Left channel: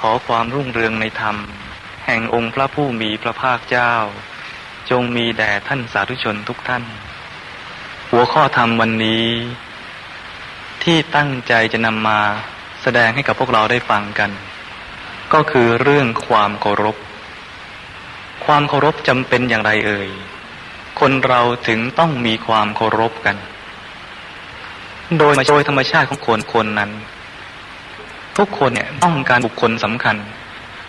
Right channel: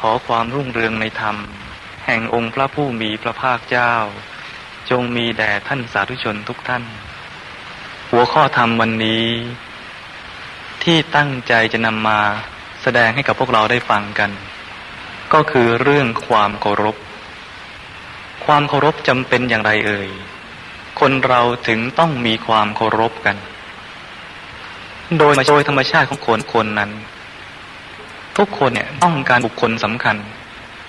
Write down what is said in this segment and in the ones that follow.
ขอความรุ่งเรืองในธรรม แห่งองค์พระผู้มีพระภาคเจ้า จงมีแด่ท่านสาธุชนทุกท่าน หัวข้อธรรมวันนี้ ที่ตั้งใจจะนำมาแสดงให้กับพวกเราได้ฟังกัน ก็คือเรื่องความเคารพ ความเคารพจำเป็นอย่างไรเอ่ย คนเราถึงต้องมีความเคารพกัน โดยโดยธรรมชาติของคนคนนั้น ทุกคนเนี่ยต้องการบุคคลสำคัญ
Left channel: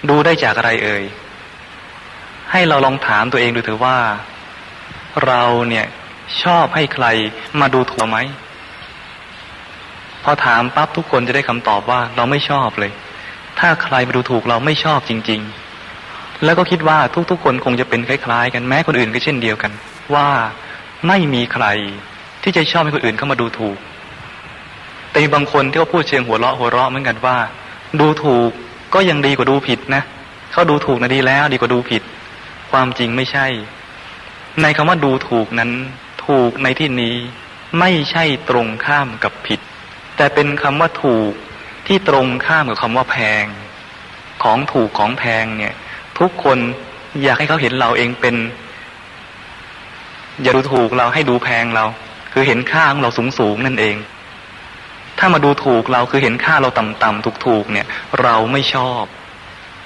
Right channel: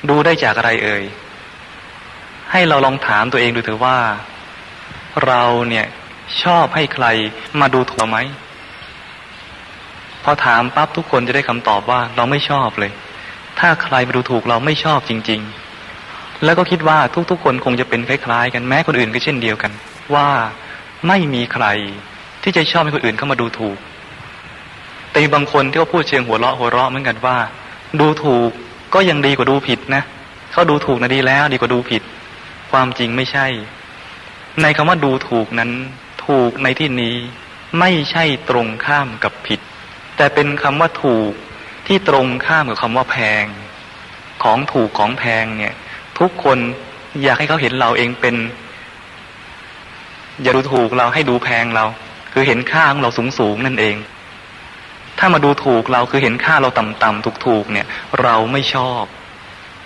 ดูได้จากอะไรเอ่ย ให้เราลองถามตัวเองดูเถอะว่า เราเนี่ยชอบให้ใครมาดูถูกเราไหมพอถามปั๊บทุกคนจะได้คำตอบว่าเราไม่ชอบเลย ถ้าใครมาดูถูกเราไม่ชอบจริง ๆ แล้วก็คิดว่าทุกๆ คนคงจะเป็นคล้ายๆ กันแม้คนอื่นก็เช่นเดียวกัน ว่าไม่มีใครที่จะชอบให้คนอื่นเข้ามาดูถูก แต่มีบางคนที่เขาพูดเชิงหัวเราะหัวเราะเหมือนกันว่า ดูถูกก็ยังดีกว่าดูผิดนะเขาดูถูกนะดีแล้ว ดีกว่าดูผิด ความจริงไม่ใช่ ในคำว่าดูถูกนั้น ถูกในที่นี้ไม่ใช่ตรงข้ามกับผิด แต่เป็นคำว่าถูกที่ตรงข้ามกับคำว่าแพง ของถูกของแพงเนี่ย ทุกคนอยากให้เขาเห็นเราเองเป็น อย่าดูถูกเราให้ดูแพงเรา คือเห็นค่าของเราสูงสูงนั่นเอง ถ้ามาดูถูกเราคือเห็นค่าเราต่ำๆถูกๆเนี่ย เราไม่ชอบ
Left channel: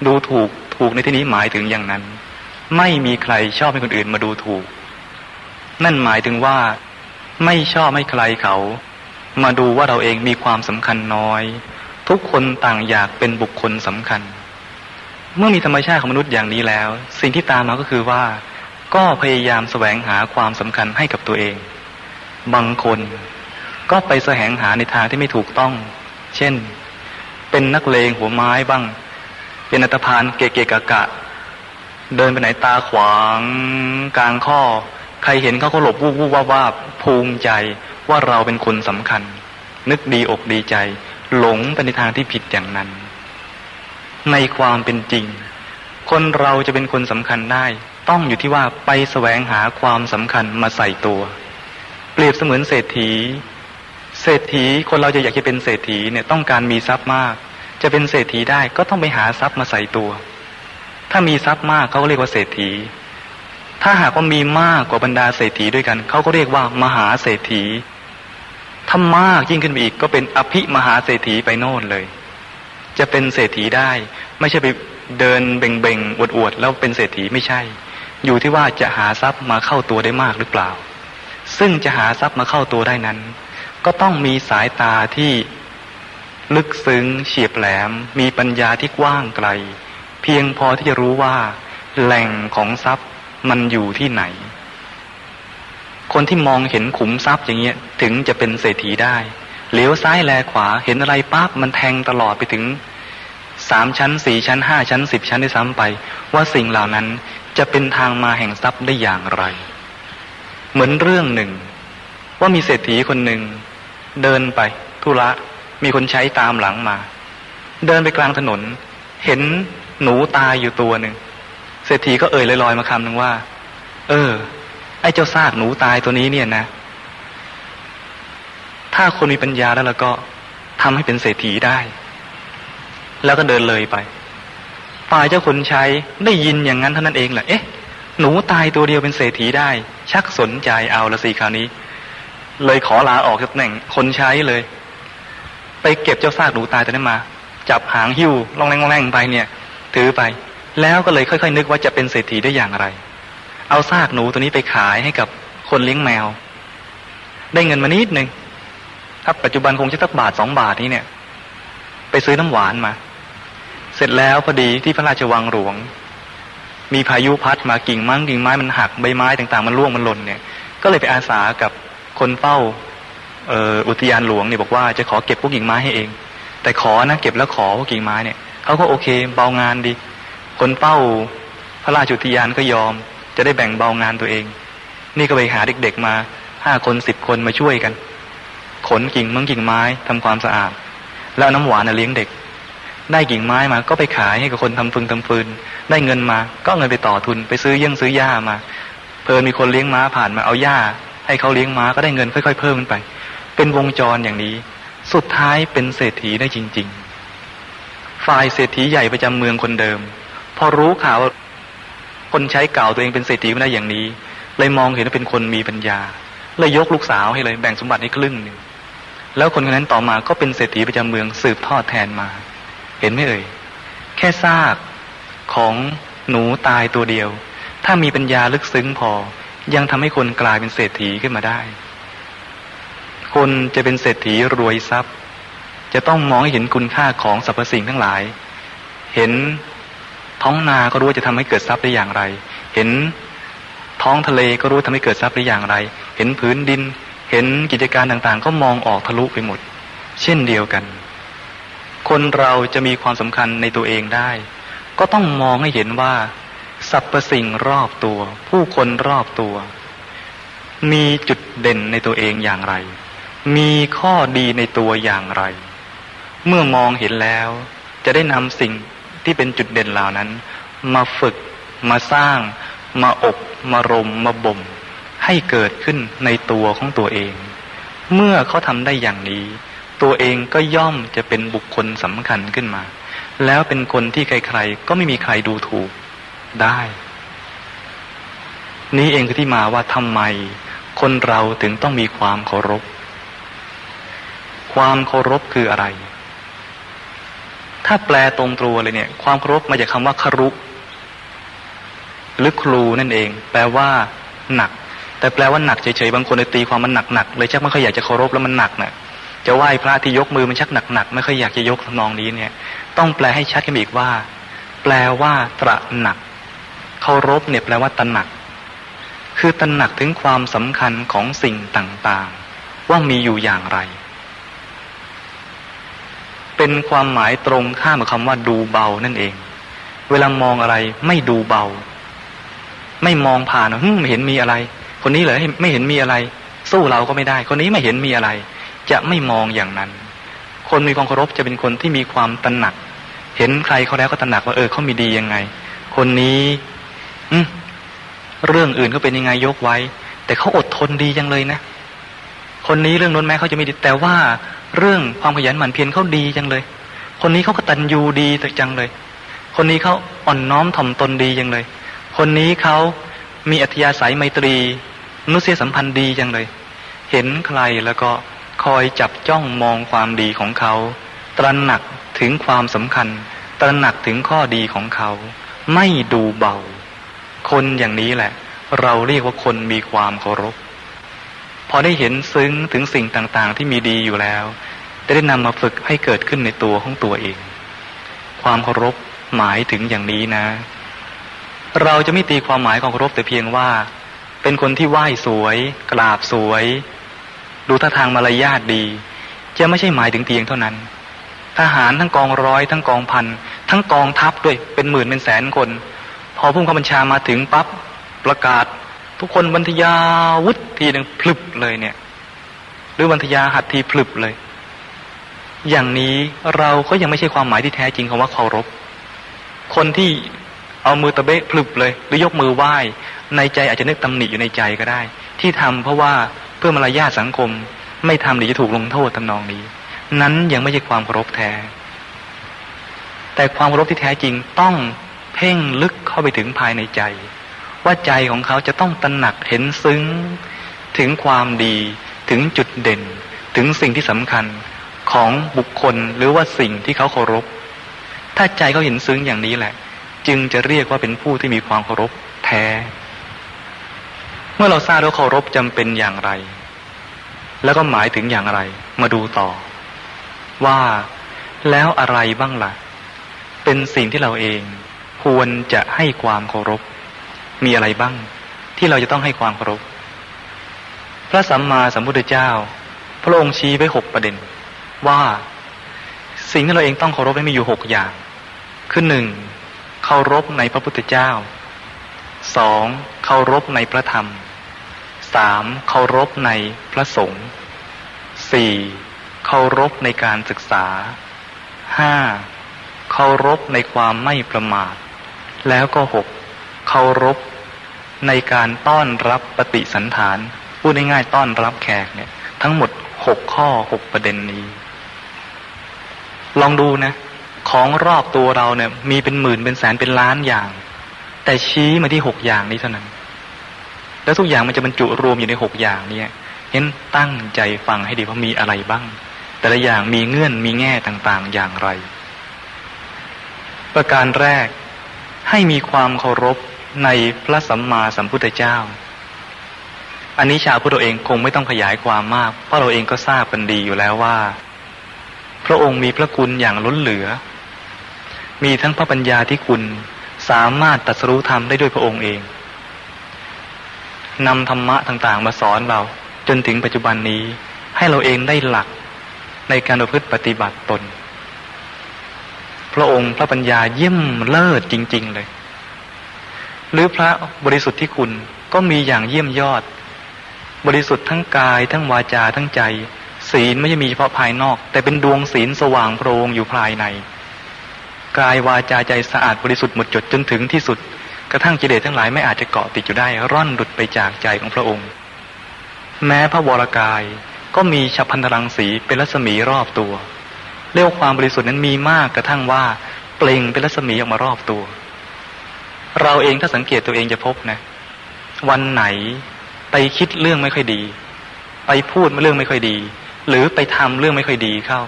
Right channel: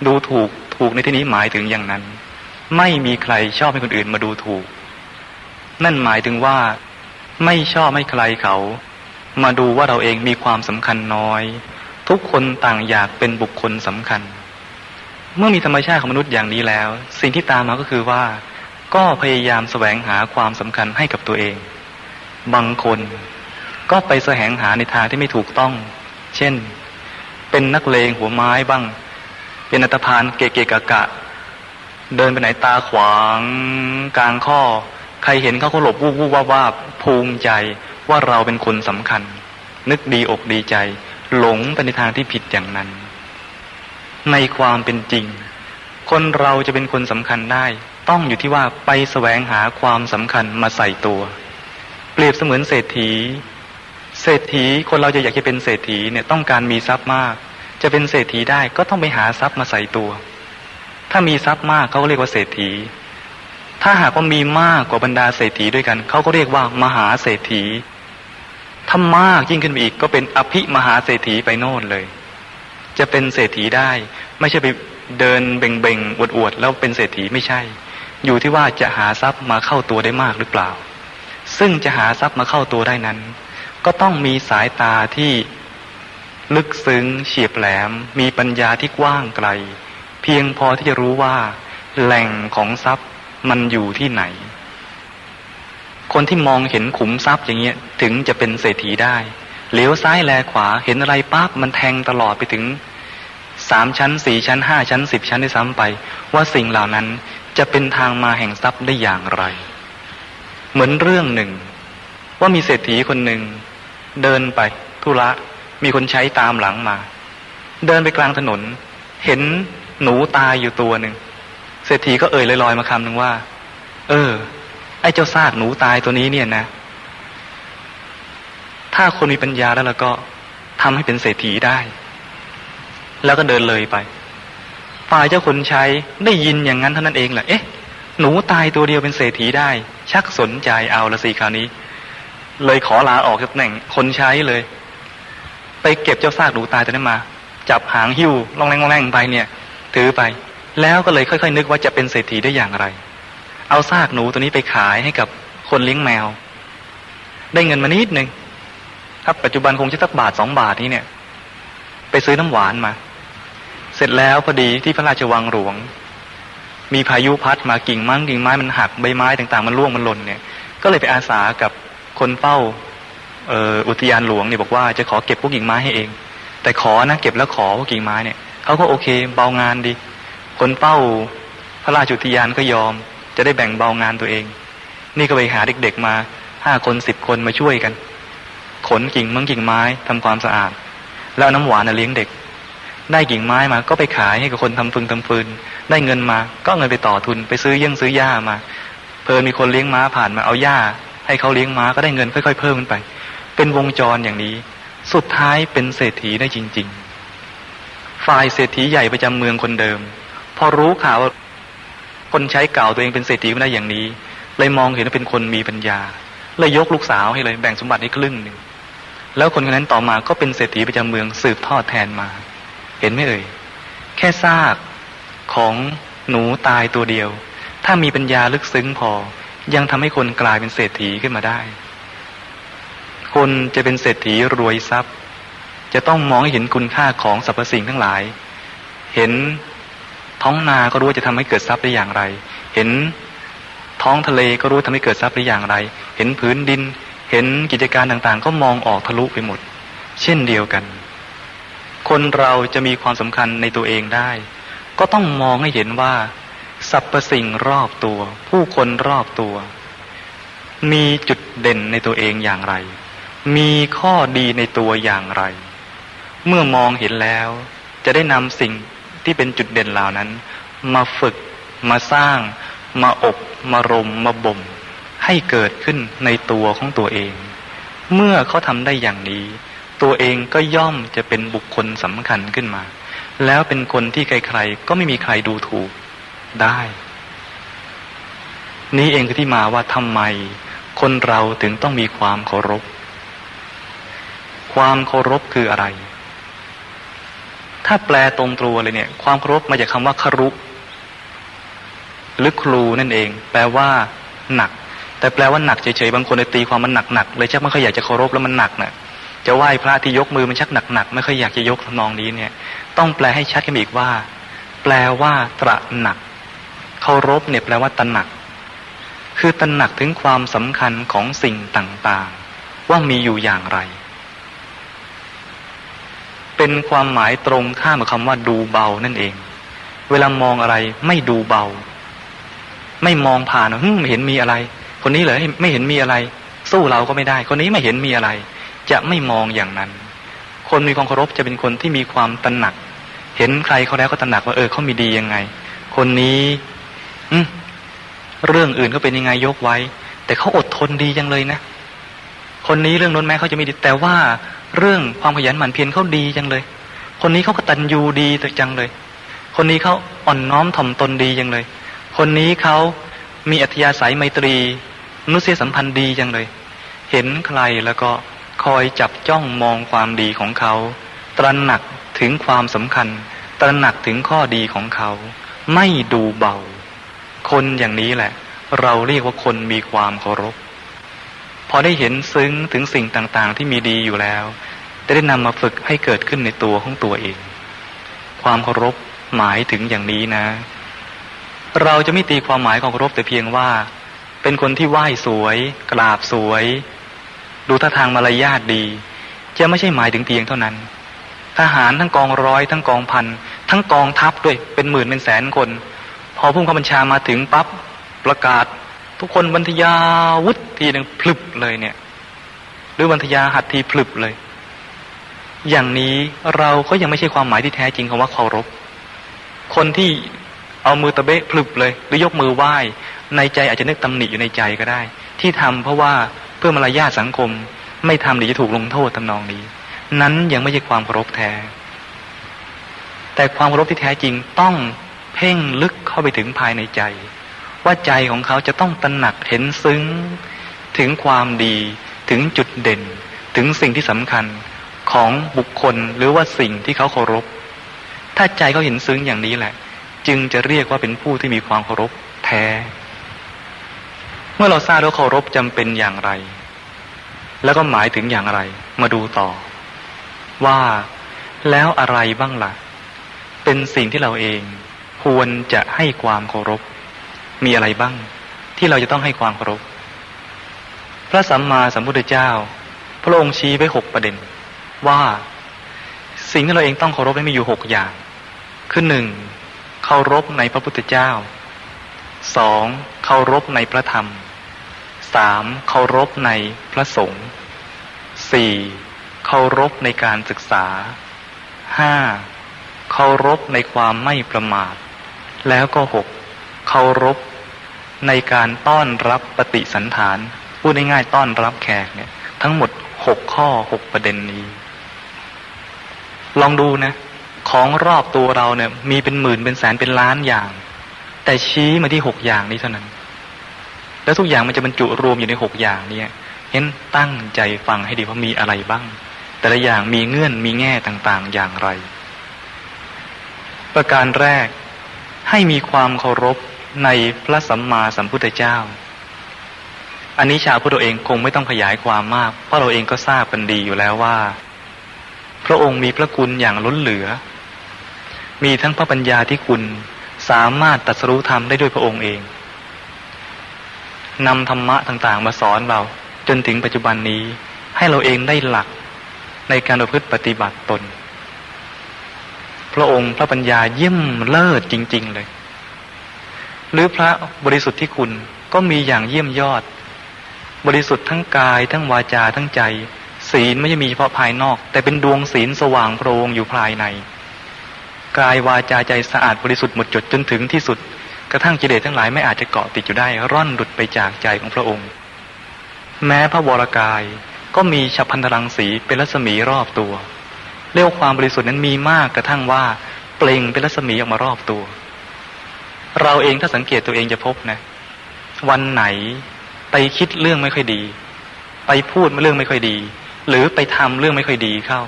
ดูถูกถูกในที่นี้หมายถึงอย่างนั้น ไม่มีใครชอบให้คนอื่นมาดูถูก นั่นหมายถึงว่า ไม่ชอบให้ใครเขา มาดูว่าเราเองมีความสำคัญน้อย ทุกคนต่างอยากเป็นบุคคลสำคัญ เมื่อมีธรรมชาติของมนุษย์อย่างนี้แล้ว สิ่งที่ตามมาก็คือว่า ก็พยายามแสวงหาความสำคัญให้กับตัวเอง บางคน ก็ไปแสวงหาในทางที่ไม่ถูกต้อง เช่น เป็นนักเลงหัวไม้บ้าง เป็นอัตพานเกเกกะกะ เดินไปไหนตาขวางกลางข้อ ใครเห็นเขาก็หลบวูบวูบว่าบวาภูมิใจว่าเราเป็นคนสำคัญ นึกดีอกดีใจ หลงไปในทางที่ผิดอย่างนั้น ในความเป็นจริง คนเราจะเป็นคนสำคัญได้ ต้องอยู่ที่ว่าไปแสวงหาความสำคัญมาใส่ตัว เปรียบเสมือนเศรษฐี เศรษฐีคนเราจะอยากจะเป็นเศรษฐีเนี่ยต้องการมีทรัพย์มาก จะเป็นเศรษฐีได้ก็ต้องไปหาทรัพย์มาใส่ตัว ถ้ามีทรัพย์มากเขาก็เรียกว่าเศรษฐี ถ้าหากว่ามีมากกว่าบรรดาเศรษฐีด้วยกันเขาก็เรียกว่ามหาเศรษฐีถ้ามากยิ่งขึ้นไปอีกก็เป็นอภิมหาเศรษฐีไปโน่นเลย จะเป็นเศรษฐีได้ ไม่ใช่ไปเดินเบ่งเบ่งอวดอวดๆแล้วเป็นเศรษฐีไม่ใช่ อยู่ที่ว่าจะหาทรัพย์มาเข้าตัวได้มากหรือเปล่า ซึ่งจะหาทรัพย์มาเข้าตัวได้นั้น ก็ต้องมีสายตาที่ลึกซึ้งเฉียบแหลม มีปัญญาที่กว้างไกล เพียงพอที่จะรู้ว่า แหล่งของทรัพย์มันอยู่ที่ไหน คนที่มองเห็นขุมทรัพย์อย่างเงี้ยถึงจะเป็นเศรษฐีได้เลี้ยวซ้ายแลขวาเห็นอะไรปั๊บมันแทงตลอดไปถึงสามชั้นสี่ชั้นห้าชั้นสิบชั้นได้ซ้ำไป ว่าสิ่งเหล่านั้นจะเป็นทางมาแห่งทรัพย์ได้อย่างไร เหมือนเรื่องหนึ่ง ว่ามีเศรษฐีคนหนึ่ง เดินไปธุระมีคนใช้ตามหลังมา เดินไปกลางถนน เห็นหนูตายอยู่ตัวหนึ่งเศรษฐีก็เอ่ยลอยๆมาคำหนึ่งว่า เออ ไอ้เจ้าซากหนูตายตัวนี้เนี่ยนะ ถ้าคนมีปัญญาแล้วแล้วก็ทำให้เป็นเศรษฐีได้ แล้วก็เดินเลยไปฝ่ายเจ้าคนใช้ได้ยินอย่างนั้นเท่านั้นเองแหละเอ๊ะหนูตายตัวเดียวเป็นเศรษฐีได้ ชักสนใจเอาละสิคราวนี้ เลยขอลาออกจากตำแหน่งคนใช้เลย ไปเก็บเจ้าซากหนูตายตัวนั้นมา จับหางหิ้วล่องแรงล่องแรงไปเนี่ย ถือไป แล้วก็เลยค่อยๆ นึกว่าจะเป็นเศรษฐีได้อย่างไร เอาซากหนูตัวนี้ไปขายให้กับคนเลี้ยงแมว ได้เงินมานิดหนึ่งถ้าปัจจุบันคงจะสักบาทสองบาทนี้เนี่ย ไปซื้อน้ำหวานมา เสร็จแล้วพอดีที่พระราชวังหลวง มีพายุพัดมากิ่งไม้กิ่งไม้มันหักใบไม้ต่างๆ มันร่วงมันหล่นเนี่ย ก็เลยไปอาสากับ คนเฝ้าเอ,อ,อุทยานหลวงเนี่ยบอกว่าจะขอเก็บพวกกิ่งไม้ให้เอง แต่ขอนะเก็บแล้วขอพวกกิ่งไม้เนี่ยเขาก็โอเค เบางานดี คนเฝ้าพระราชอุทยานก็ยอม จะได้แบ่งเบางานตัวเอง นี่ก็ไปหาเด็กๆมาห้าคนสิบคนมาช่วยกัน ขนกิ่งมังกิ่งไม้ทำความสะอาด แล้วน้ำหวานเลี้ยงเด็ก ได้กิ่งไม้มาก็ไปขายให้กับคนทำฟืนทำฟืน ได้เงินมา ก็เอาเงินไปต่อทุนไปซื้อเยี่ยงซื้อหญ้ามา เพอมีคนเลี้ยงม้าผ่านมาเอาหญ้า ให้เขาเลี้ยงม้าก็ได้เงินค่อย ๆ เพิ่มขึ้นไป เป็นวงจรอย่างนี้ สุดท้ายเป็นเศรษฐีได้จริง ๆ ฝ่ายเศรษฐีใหญ่ประจำเมืองคนเดิม พอรู้ข่าวว่าคนใช้เก่าตัวเองเป็นเศรษฐีไม่ได้อย่างนี้ เลยมองเห็นว่าเป็นคนมีปัญญาเลยยกลูกสาวให้เลยแบ่งสมบัติให้ครึ่งหนึ่งแล้วคนคนนั้นต่อมาก็เป็นเศรษฐีประจำเมืองสืบทอดแทนมา เห็นไหมเอ่ยแค่ซากของหนูตายตัวเดียว ถ้ามีปัญญาลึกซึ้งพอ ยังทำให้คนกลายเป็นเศรษฐีขึ้นมาได้ คนจะเป็นเศรษฐีรวยทรัพย์ จะต้องมองเห็นคุณค่าของสรรพสิ่งทั้งหลาย เห็นท้องนาก็รู้ว่าจะทำให้เกิดทรัพย์ได้อย่างไร เห็นท้องทะเลก็รู้ว่าทำให้เกิดทรัพย์ได้อย่างไร เห็นพื้นดิน เห็นกิจการต่างๆ ก็มองออกทะลุไปหมด เช่นเดียวกัน คนเราจะมีความสำคัญในตัวเองได้ ก็ต้องมองให้เห็นว่า สรรพสิ่งรอบตัว ผู้คนรอบตัว มีจุดเด่นในตัวเองอย่างไร มีข้อดีในตัวอย่างไร เมื่อมองเห็นแล้ว จะได้นำสิ่งที่เป็นจุดเด่นเหล่านั้น มาฝึก มาสร้าง มาอบ มารม มาบ่ม ให้เกิดขึ้นในตัวของตัวเอง เมื่อเขาทำได้อย่างนี้ ตัวเองก็ย่อมจะเป็นบุคคลสำคัญขึ้นมา แล้วเป็นคนที่ใครๆ ก็ไม่มีใครดูถูก ได้ นี้เองคือที่มาว่าทำไมคนเราถึงต้องมีความเคารพ ความเคารพคืออะไร ถ้าแปลตรงตัวเลยเนี่ย ความเคารพมาจากคำว่าครุหรือครูนั่นเอง แปลว่า หนัก แต่แปลว่าหนักเฉยๆบางคนตีความมันหนักๆเลยชักไม่ค่อยอยากจะเคารพแล้วมันหนักนะ่ะจะไหว้พระที่ยกมือมันชักหนักๆไม่ค่อยอยากจะยกทำนองนี้เนี่ย ต้องแปลให้ชัดกันอีกว่า แปลว่า ตระหนัก เคารพเนี่ยแปลว่าตระหนัก คือตระหนักถึงความสำคัญของสิ่งต่างๆ ว่ามีอยู่อย่างไร เป็นความหมายตรงข้ามกับคำว่าดูเบานั่นเอง เวลามองอะไรไม่ดูเบา ไม่มองผ่านว่าไม่เห็นมีอะไร คนนี้เหรอไม่เห็นมีอะไร สู้เราก็ไม่ได้ คนนี้ไม่เห็นมีอะไร จะไม่มองอย่างนั้น คนมีความเคารพจะเป็นคนที่มีความตระหนักเห็นใครเขาแล้วก็ตระหนักว่าเออเขามีดียังไง คนนี้ เรื่องอื่นก็เป็นยังไงยกไว้ แต่เขาอดทนดีจังเลยนะคนนี้เรื่องน้นแม้เขาจะไม่ดีแต่ว่าเรื่องความขยันหมั่นเพียรเขาดีจังเลย คนนี้เขาก็ตันยูดีจังเลย คนนี้เขาอ่อนน้อมถ่อมตนดีจังเลย คนนี้เขามีอัธยาศัยไมตรีมนุษยสัมพันธ์ดีจังเลย เห็นใครแล้วก็คอยจับจ้องมองความดีของเขา ตระหนักถึงความสำคัญ ตระหนักถึงข้อดีของเขา ไม่ดูเบา คนอย่างนี้แหละ เราเรียกว่าคนมีความเคารพ พอได้เห็นซึ้งถึงสิ่งต่างๆ ที่มีดีอยู่แล้วจะได้นำมาฝึกให้เกิดขึ้นในตัวของตัวเอง ความเคารพหมายถึงอย่างนี้นะ เราจะไม่ตีความหมายของเคารพแต่เพียงว่า เป็นคนที่ไหว้สวย กราบสวย ดูท่าทางมารยาทดีจะไม่ใช่หมายถึงเพียงเท่านั้น ทหารทั้งกองร้อยทั้งกองพันทั้งกองทัพด้วยเป็นหมื่นเป็นแสนคน พอผู้ข้าบัญชามาถึงปั๊บประกาศ ทุกคนบันทยาวุฒทีหนึ่งพลึบเลยเนี่ย หรือบันทยาหัดทีพลึบเลย อย่างนี้เราก็ยังไม่ใช่ความหมายที่แท้จริงของว่าเคารพ คนที่เอามือตะเบะพลึบเลย หรือยกมือไหว้ ในใจอาจจะนึกตำหนิอยู่ในใจก็ได้ ที่ทำเพราะว่าเพื่อมารยาทสังคม ไม่ทำหรือจะถูกลงโทษทำนองนี้ นั้นยังไม่ใช่ความเคารพแท้แต่ความเคารพที่แท้จริงต้อง เพ่งลึกเข้าไปถึงภายในใจ ว่าใจของเขาจะต้องตระหนักเห็นซึ้ง ถึงความดีถึงจุดเด่น ถึงสิ่งที่สำคัญของบุคคลหรือว่าสิ่งที่เขาเคารพ ถ้าใจเขาเห็นซึ้งอย่างนี้แหละ จึงจะเรียกว่าเป็นผู้ที่มีความเคารพแท้ เมื่อเราทราบว่าเคารพจำเป็นอย่างไร แล้วก็หมายถึงอย่างไร มาดูต่อ ว่าแล้วอะไรบ้างละ่ะ เป็นสิ่งที่เราเอง ควรจะให้ความเคารพ มีอะไรบ้าง ที่เราจะต้องให้ความเคารพ พระสัมมาสัมพุทธเจ้า พระองค์ชี้ไว้หกประเด็น ว่า สิ่งที่เราเองต้องเคารพมีอยู่หกอย่าง คือหนึ่งเคารพในพระพุทธเจ้าสองเคารพในพระธรรมสามเคารพในพระสงฆ์สี่เคารพในการศึกษาห้าเคารพในความไม่ประมาท แล้วก็หกเคารพในการต้อนรับปฏิสันฐาน พูดง่ายๆต้อนรับแขกเนี่ย ทั้งหมดหกข้อหกประเด็นนี้ ลองดูนะ ของรอบตัวเราเนี่ย มีเป็นหมื่นเป็นแสนเป็นล้านอย่าง แต่ชี้มาที่หกอย่างนี้เท่านั้น แล้วทุกอย่างมันจะบรรจุรวมอยู่ในหกอย่างเนี่ยเน้นตั้งใจฟังให้ดีว่ามีอะไรบ้าง แต่ละอย่างมีเงื่อนมีแง่ต่างๆอย่างไร ประการแรก ให้มีความเคารพในพระสัมมาสัมพุทธเจ้า อันนี้ชาวพุทธเองคงไม่ต้องขยายความมาก เพราะเราเองก็ทราบกันดีอยู่แล้วว่า พระองค์มีพระคุณอย่างล้นเหลือ มีทั้งพระปัญญาที่คุณสามารถตรัสรู้ธรรมได้ด้วยพระองค์เองนำธรรมะต่างๆ มาสอนเราจนถึงปัจจุบันนี้ให้เราเองได้หลักในการประพฤติปฏิบัติตน พระองค์พระปัญญาเยี่ยมเลิศจริง ๆ เลย หรือพระบริสุทธิ์ที่คุณก็มีอย่างเยี่ยมยอด บริสุทธิ์ทั้งกายทั้งวาจาทั้งใจ ศีลไม่ใช่มีเฉพาะภายนอก แต่เป็นดวงศีลสว่างโพรงอยู่ภายใน กายวาจาใจสะอาดบริสุทธิ์หมดจดจนถึงที่สุด กระทั่งกิเลสทั้งหลายไม่อาจจะเกาะติดอยู่ได้ ร่อนหลุดไปจากใจของพระองค์ แม้พระวรกายก็มีฉับพันธรังสีเป็นรัศมีรอบตัว เรียกวความบริสุทธิ์นั้นมีมากกระทั่งว่าเปล่งเป็นรัศมีออกมารอบตัว เราเองถ้าสังเกตตัวเองจะพบนะ วันไหนไปคิดเรื่องไม่ค่อยดี ไปพูดเรื่องไม่ค่อยดี หรือไปทำเรื่องไม่ค่อยดีเข้า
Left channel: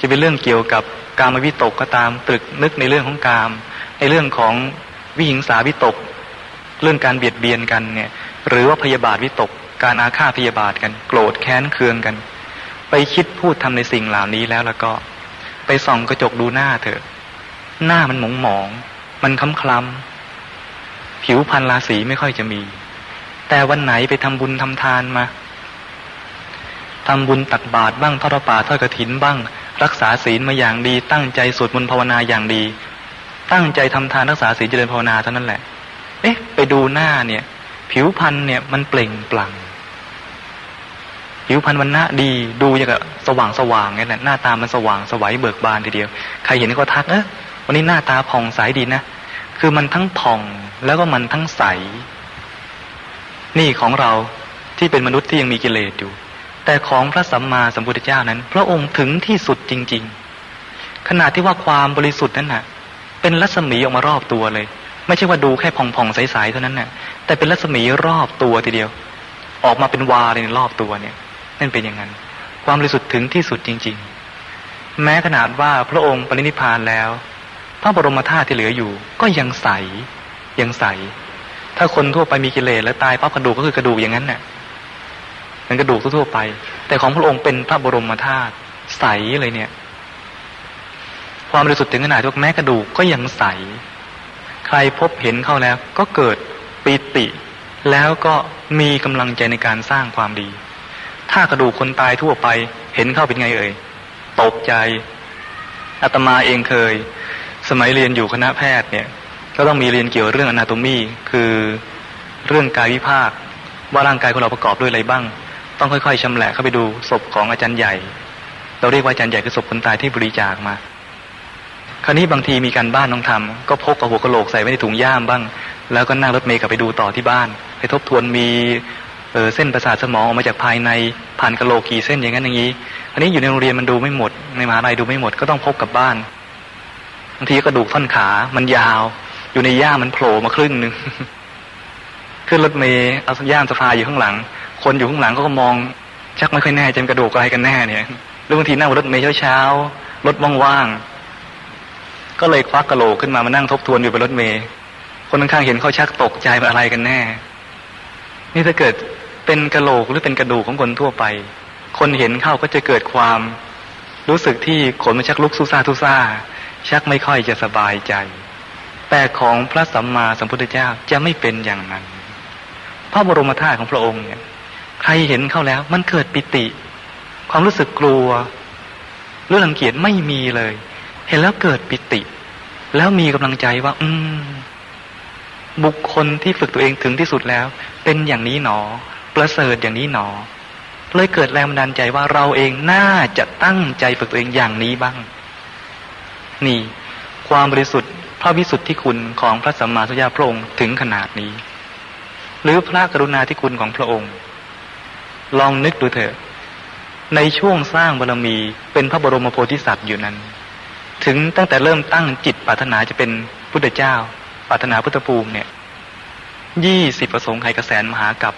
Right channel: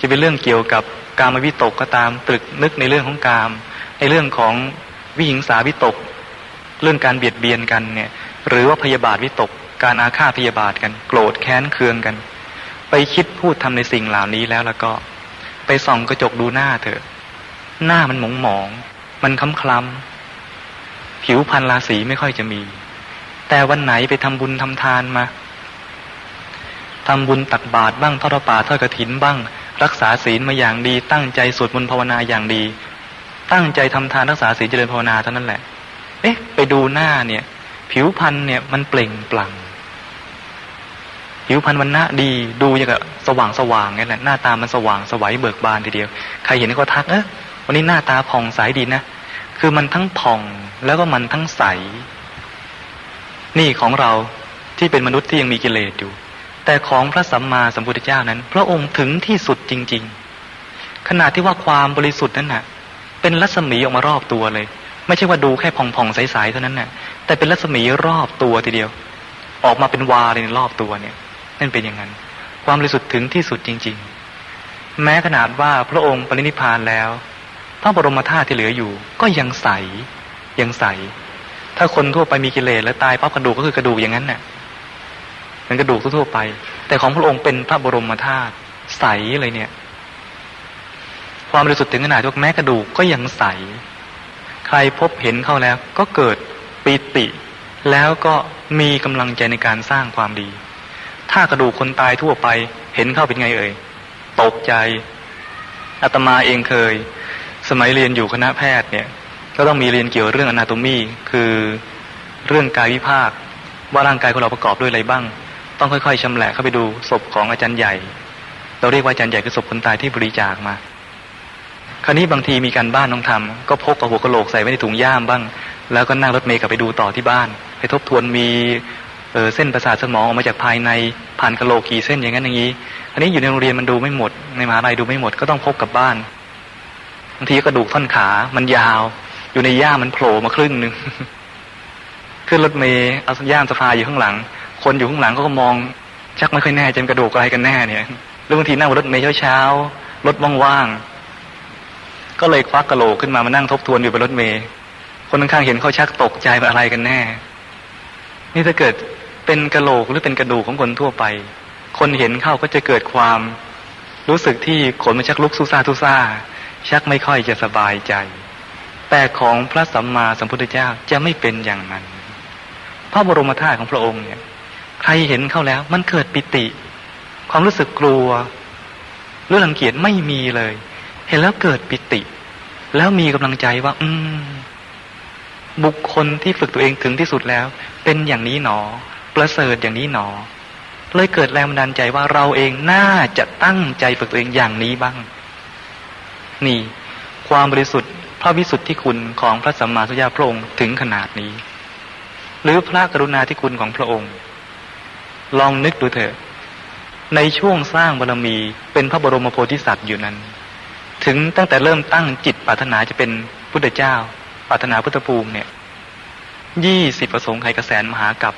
จะเป็นเรื่องเกี่ยวกับการมวิตกก็ตามตรึกนึกในเรื่องของกามในเรื่องของวิหิงสาวิตก เรื่องการเบียดเบียนกันเนี่ย หรือว่าพยาบาทวิตก การอาฆาตพยาบาทกัน โกรธแค้นเคืองกัน ไปคิดพูดทำในสิ่งเหล่านี้แล้วแล้วก็ ส่องกระจกดูหน้าเถอะ หน้ามันหมองหมอง มันคล้ำคล้ำผิวพรรณราศีไม่ค่อยจะมี แต่วันไหนไปทำบุญทำทานมาทำบุญตักบาตรบ้างทอดป่าทอดกระถินบ้าง รักษาศีลมาอย่างดี ตั้งใจสวดมนต์ภาวนาอย่างดี ตั้งใจทำทานรักษาศีลเจริญภาวนาเท่านั้นแหละ เอ๊ะ ไปดูหน้าเนี่ย ผิวพรรณเนี่ยมันเปล่งปลั่ง ผิวพรรณมันหน้าดีดูอย่างกับสว่างสว่างนี่แหละหน้าตามันสว่างสวัยเบิกบานทีเดียว ใครเห็นก็ทักเอะวันนี้หน้าตาผ่องใสดีนะคือมันทั้งผ่องแล้วก็มันทั้งใส นี่ของเราที่เป็นมนุษย์ที่ยังมีกิเลสอยู่ แต่ของพระสัมมาสัมพุทธเจ้านั้น พระองค์ถึงที่สุดจริง ๆ ขนาดที่ว่าความบริสุทธิ์นั้นน่ะ เป็นรัศมีออกมารอบตัวเลย ไม่ใช่ว่าดูแค่ผ่องๆใสๆเท่านั้นน่ะแต่เป็นรัศมีรอบตัวทีเดียว ออกมาเป็นวาเลยรอบตัวเนี่ย นั่นเป็นอย่างนั้น ความบริสุทธิ์ถึงที่สุดจริง ๆ แม้ขนาดว่าพระองค์ปรินิพพานแล้ว พระบรมธาตุที่เหลืออยู่ ก็ยังใสยังใส ถ้าคนทั่วไปมีกิเลสแล้วตายปั๊บกระดูกก็คือกระดูกอย่างนั้นน่ะเป็นกระดูกทั่วๆไป แต่ของพระองค์เป็นพระบรมธาตุใสเลยเนี่ย ความบริสุทธิ์ถึงขนาดที่แม้กระดูกก็ยังใส ใครพบเห็นเข้าแล้ว ก็เกิดปีติ แล้วก็มีกำลังใจในการสร้างความดี ถ้ากระดูกคนตายทั่วไป เห็นเข้าเป็นไงเอ่ยตกใจอาตมาเองเคย สมัยเรียนอยู่คณะแพทย์เนี่ย ก็ต้องมีเรียนเกี่ยวเรื่องอนาโตมีคือเรื่องกายวิภาค ว่าร่างกายของเราประกอบด้วยอะไรบ้าง ต้องค่อยๆชำแหละเข้าไปดูศพของอาจารย์ใหญ่ เราเรียกว่าอาจารย์ใหญ่คือศพคนตายที่บริจาคมาคราวนี้บางทีมีการบ้านต้องทำก็พกกับหัวกะโหลกใส่ไว้ในถุงย่ามบ้าง แล้วก็นั่งรถเมล์กลับไปดูต่อที่บ้าน ไปทบทวนมี เออเส้นประสาทสมองออกมาจากภายในผ่านกะโหลกกี่เส้นอย่างนั้นอย่างนี้ อันนี้อยู่ในโรงเรียนมันดูไม่หมด ในมหาลัยดูไม่หมดก็ต้องพกกลับบ้านบางทีกระดูกท่อนขา มันยาว อยู่ในย่ามันโผล่มาครึ่งหนึ่งขึ้นรถเมล์เอาย่ามสะพายอยู่ข้างหลัง คนอยู่ข้างหลังก็มอง ชักไม่ค่อยแน่ใจนกระดูกอะไรกันแน่เนี่ยแล้วบางทีนั่งรถเมล์เช้าๆรถว่างๆก็เลยควักกระโหลกขึ้นมามานั่งทบทวนอยู่บนรถเมล์คนข้างๆเห็นเขาชักตกใจเป็นอะไรกันแน่ นี่ถ้าเกิด เป็นกระโหลกหรือเป็นกระดูกของคนทั่วไป คนเห็นเข้าก็จะเกิดความ รู้สึกที่ขนมันชักลุกสู้ซ่าทุซ่า ชักไม่ค่อยจะสบายใจ แต่ของพระสัมมาสัมพุทธเจ้าจะไม่เป็นอย่างนั้น พระบรมธาตุของพระองค์เนี่ยใครเห็นเข้าแล้ว มันเกิดปิติ ความรู้สึกกลัวหรือรังเกียจไม่มีเลย เห็นแล้วเกิดปิติ แล้วมีกำลังใจว่า อืม บุคคลที่ฝึกตัวเองถึงที่สุดแล้ว เป็นอย่างนี้หนอ ประเสริฐอย่างนี้หนอ เลยเกิดแรงบันดาลใจว่าเราเองน่าจะตั้งใจฝึกตัวเองอย่างนี้บ้าง นี่ ความบริสุทธิ์พระวิสุทธิคุณของพระสัมมาสัมพุทธเจ้าพระองค์ถึงขนาดนี้ หรือพระกรุณาธิคุณของพระองค์ ลองนึกดูเถอะ ในช่วงสร้างบารมีเป็นพระบรมโพธิสัตว์อยู่นั้น ถึงตั้งแต่เริ่มตั้งจิตปรารถนาจะเป็นพุทธเจ้าปรารถนาพุทธภูมิเนี่ยยี่สิบประสงค์ไขกระแสนมหากับ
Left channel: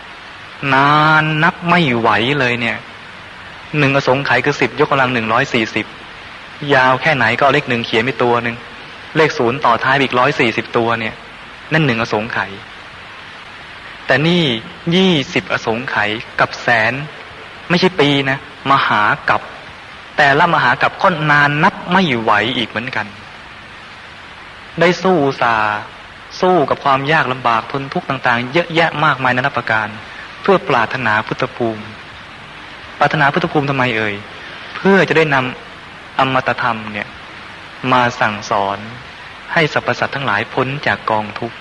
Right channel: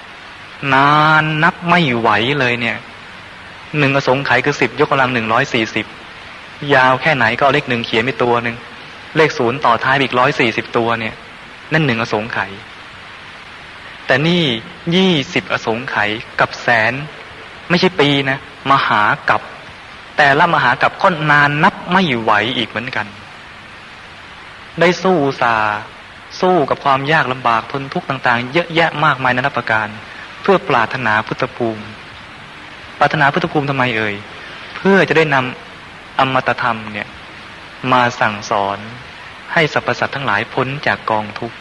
นานนับไม่ไหวเลยเนี่ยหนึ่งอสงไขยคือสิบยกกำลังหนึ่งร้อยสี่สิบยาวแค่ไหนก็เอาเลขหนึ่งเขียนไปตัวหนึ่งเลขศูนย์ต่อท้ายอีกร้อยสี่สิบตัวเนี่ย นั่นหนึ่งอสงไขยแต่นี่ยี่สิบอสงไขยกับแสน ไม่ใช่ปีนะ มหากับ แต่ละมหากับก็นานนับไม่ไหวอีกเหมือนกัน ได้สู้สาสู้กับความยากลำบากทนทุกข์ต่าง ๆ เยอะแยะมากมายนานาประการ เพื่อปรารถนาพุทธภูมิ ปรารถนาพุทธภูมิทำไมเอ่ย เพื่อจะได้นำอมตะธรรมเนี่ยมาสั่งสอนให้สรรพสัตว์ทั้งหลายพ้นจากกองทุกข์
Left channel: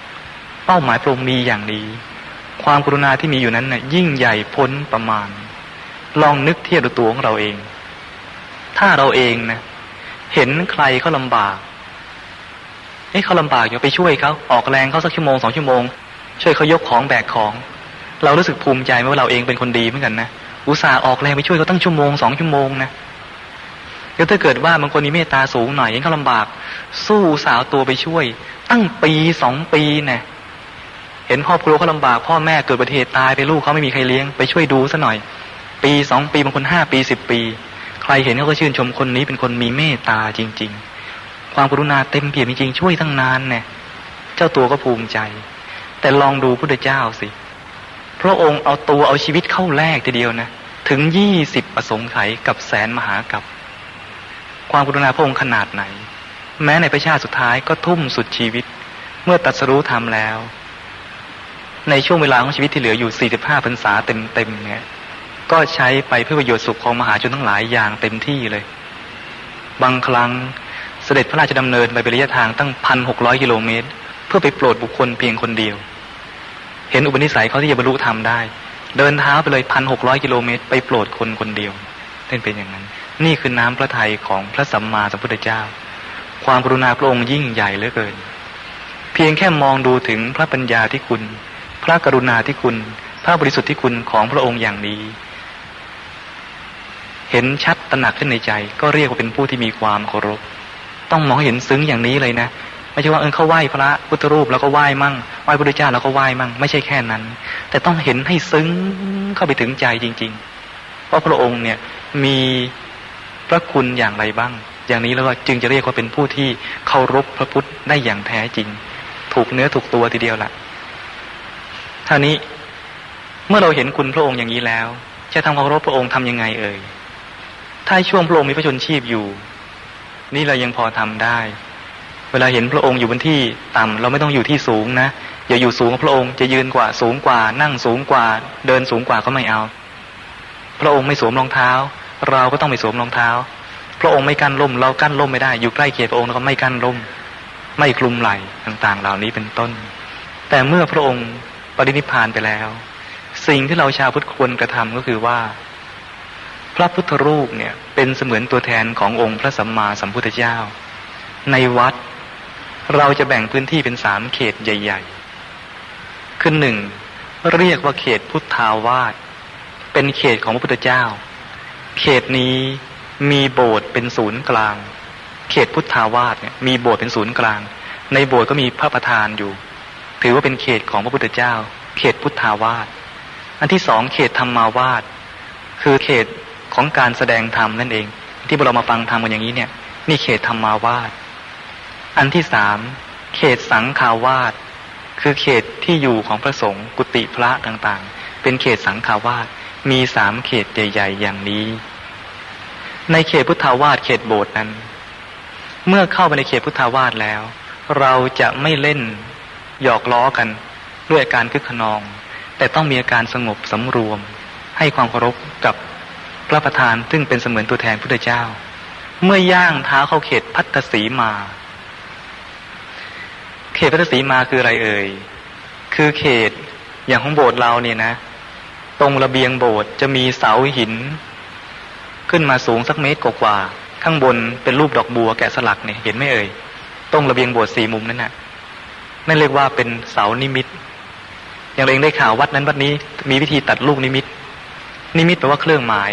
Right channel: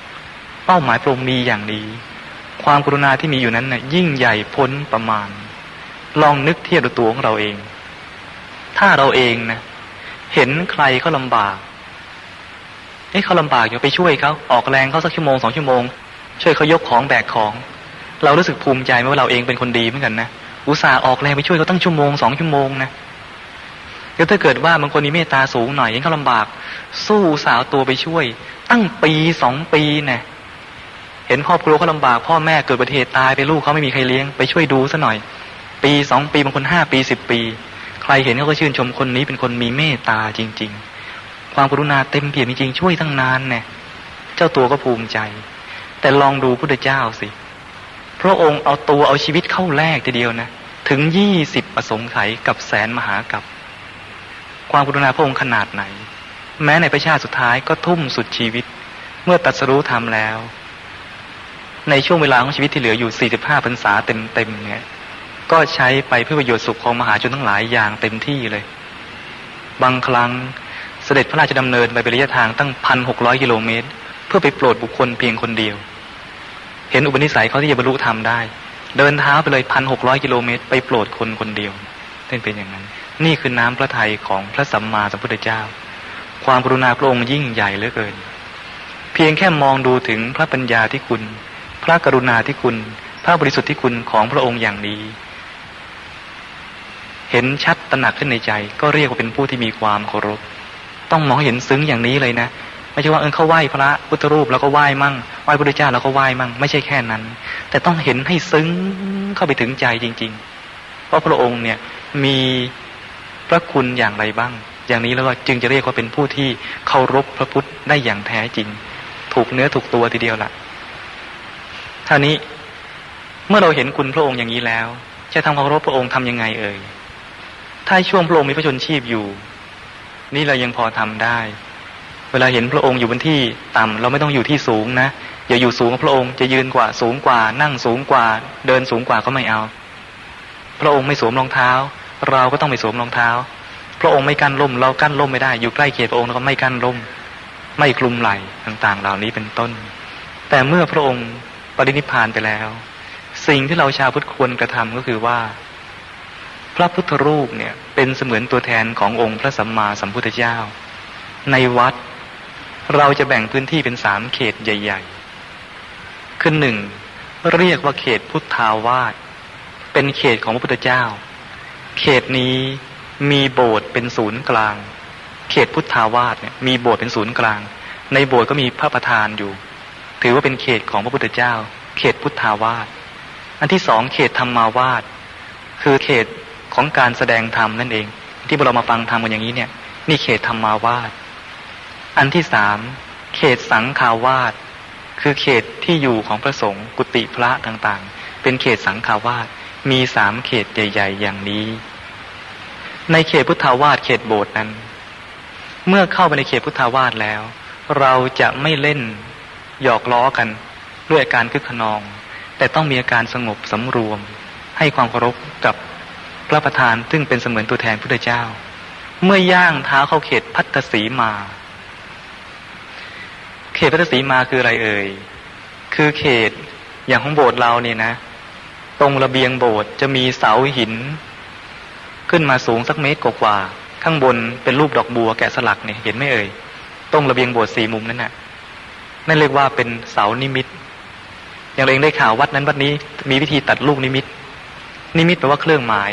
เป้าหมายพระองค์มีอย่างนี้ความกรุณาที่มีอยู่นั้นน่ะยิ่งใหญ่พ้นประมาณ ลองนึกเทียบดูตัวของเราเอง ถ้าเราเองนะเห็นใครเขาลำบากเอ้เขาลำบากอย่าไปช่วยเขาออกแรงเขาสักชั่วโมงสองชั่วโมง ช่วยเขายกของแบกของ เรารู้สึกภูมิใจไหมว่าเราเองเป็นคนดีเหมือนกันนะอุตส่าห์ออกแรงไปช่วยเขาตั้งชั่วโมงสองชั่วโมงนะแล้วถ้าเกิดว่าบางคนมีเมตตาสูงหน่อยเห็นเขาลำบาก สู้สาวตัวไปช่วย ตั้งปีสองปีเนี่ยเห็นครอบครัวเขาลำบากพ่อแม่เกิดอุบัติเหตุตายไปลูกเขาไม่มีใครเลี้ยงไปช่วยดูซะหน่อย ปีสองปีบางคนห้าปีสิบปี ใครเห็นเขาก็ชื่นชมคนนี้เป็นคนมีเมตตาจริง ๆ ความกรุณาเต็มเปี่ยมจริงๆช่วยตั้งนานเนี่ยเจ้าตัวก็ภูมิใจ แต่ลองดูพุทธเจ้าสิ พระองค์เอาตัวเอาชีวิตเข้าแลกทีเดียวนะ ถึงยี่สิบประสงค์ไขกับแสนมหากับ ความกรุณาพระองค์ขนาดไหน แม้ในประชาติสุดท้ายก็ทุ่มสุดชีวิต เมื่อตรัสรู้ธรรมแล้ว ในช่วงเวลาของชีวิตที่เหลืออยู่ 45พรรษาเต็มๆเนี่ยก็ใช้ไปเพื่อประโยชน์สุขของมหาชนทั้งหลายอย่างเต็มที่เลย บางครั้งเสด็จพระราชดำเนินไปเป็นระยะทางตั้งพันหกร้อยกิโลเมตร เพื่อไปโปรดบุคคลเพียงคนเดียว เห็นอุปนิสัยเขาที่จะบรรลุธรรมได้ เดินเท้าไปเลยพันหกร้อยกิโลเมตร ไปโปรดคนคนเดียวเป็นเป็นอย่างนั้น นี่คือน้ำพระทัยของพระสัมมาสัมพุทธเจ้า ความกรุณาพระองค์ยิ่งใหญ่เหลือเกิน เพียงแค่มองดูถึงพระปัญญาที่คุณ พระกรุณาที่คุณ พระบริสุทธิ์ที่คุณของพระองค์อย่างนี้ เห็นชัดตระหนักขึ้นในใจ ก็เรียกว่าเป็นผู้ที่มีความเคารพ ต้องมองเห็นซึ้งอย่างนี้เลยนะ ไม่ใช่ว่าเออเขาไหว้พระพุทธรูปแล้วก็ไหว้มั่งไหว้พระพุทธเจ้าแล้วก็ไหว้มั่งไม่ใช่แค่นั้น แต่ต้องเห็นให้ซึ้งเข้าไปถึงใจจริง ๆ เพราะพระองค์เนี่ยมีพระคุณอย่างไรบ้าง อย่างนี้แล้วก็จึงจะเรียกว่าเป็นผู้ที่เคารพพระพุทธได้อย่างแท้จริง ถูกเนื้อถูกตัวทีเดียวละท่านี้เมื่อเราเห็นคุณพระองค์อย่างนี้แล้ว จะทำความเคารพพระองค์ทำยังไงเอ่ยถ้าช่วงพระองค์มีพระชนชีพอยู่ นี่เรายังพอทำได้ เวลาเห็นพระองค์อยู่บนที่ต่ำเราไม่ต้องอยู่ที่สูงนะอย่าอยู่สูงกว่าพระองค์จะยืนกว่าสูงกว่า นั่งสูงกว่า เดินสูงกว่าก็ไม่เอา พระองค์ไม่สวมรองเท้า เราก็ต้องไม่สวมรองเท้า พระองค์ไม่กั้นร่ม เรากั้นร่มไม่ได้อยู่ใกล้เคียงพระองค์เราก็ไม่กั้นร่ม ไม่คลุมไหล่ต่างๆ เหล่านี้เป็นต้น แต่เมื่อพระองค์ปรินิพพานไปแล้ว สิ่งที่เราชาวพุทธควรกระทำก็คือว่า พระพุทธรูปเนี่ยเป็นเสมือนตัวแทนขององค์พระสัมมาสัมพุทธเจ้า ในวัด เราจะแบ่งพื้นที่เป็นสามเขตใหญ่ ๆ คือหนึ่งเรียกว่าเขตพุทธาวาสเป็นเขตของพระพุทธเจ้า เขตนี้มีโบสถ์เป็นศูนย์กลาง เขตพุทธาวาสเนี่ยมีโบสถ์เป็นศูนย์กลาง ในโบสถ์ก็มีพระประธานอยู่ ถือว่าเป็นเขตของพระพุทธเจ้า เขตพุทธาวาสอันที่สองเขตธรรมาวาสคือเขตของการแสดงธรรมนั่นเอง ที่เรามาฟังธรรมกันอย่างนี้เนี่ยนี่เขตธรรมาวาส อันที่สามเขตสังฆาวาสคือเขตที่อยู่ของพระสงฆ์กุฏิพระต่างๆ เป็นเขตสังฆาวาสมีสามเขตใหญ่ๆอย่างนี้ ในเขตพุทธาวาสเขตโบสถ์นั้น เมื่อเข้าไปในเขตพุทธาวาสแล้ว เราจะไม่เล่นหยอกล้อกันด้วยอาการคึกขนอง แต่ต้องมีอาการสงบสำรวม ให้ความเคารพกับพระประธานซึ่งเป็นเสมือนตัวแทนพุทธเจ้า เมื่อย่างเท้าเข้าเขตพัทธสีมา เขตพัทธสีมาคืออะไรเอ่ย คือเขตอย่างของโบสถ์เราเนี่ยนะ ตรงระเบียงโบสถ์จะมีเสาหิน ขึ้นมาสูงสักเมตรกว่าๆข้างบนเป็นรูปดอกบัวแกะสลักเนี่ยเห็นไหมเอ่ย ตรงระเบียงโบสถ์สี่มุมนั่นน่ะนั่นเรียกว่าเป็นเสานิมิต อย่างเราเองได้ข่าววัดนั้นวัดนี้มีวิธีตัดลูกนิมิต นิมิตแปลว่าเครื่องหมาย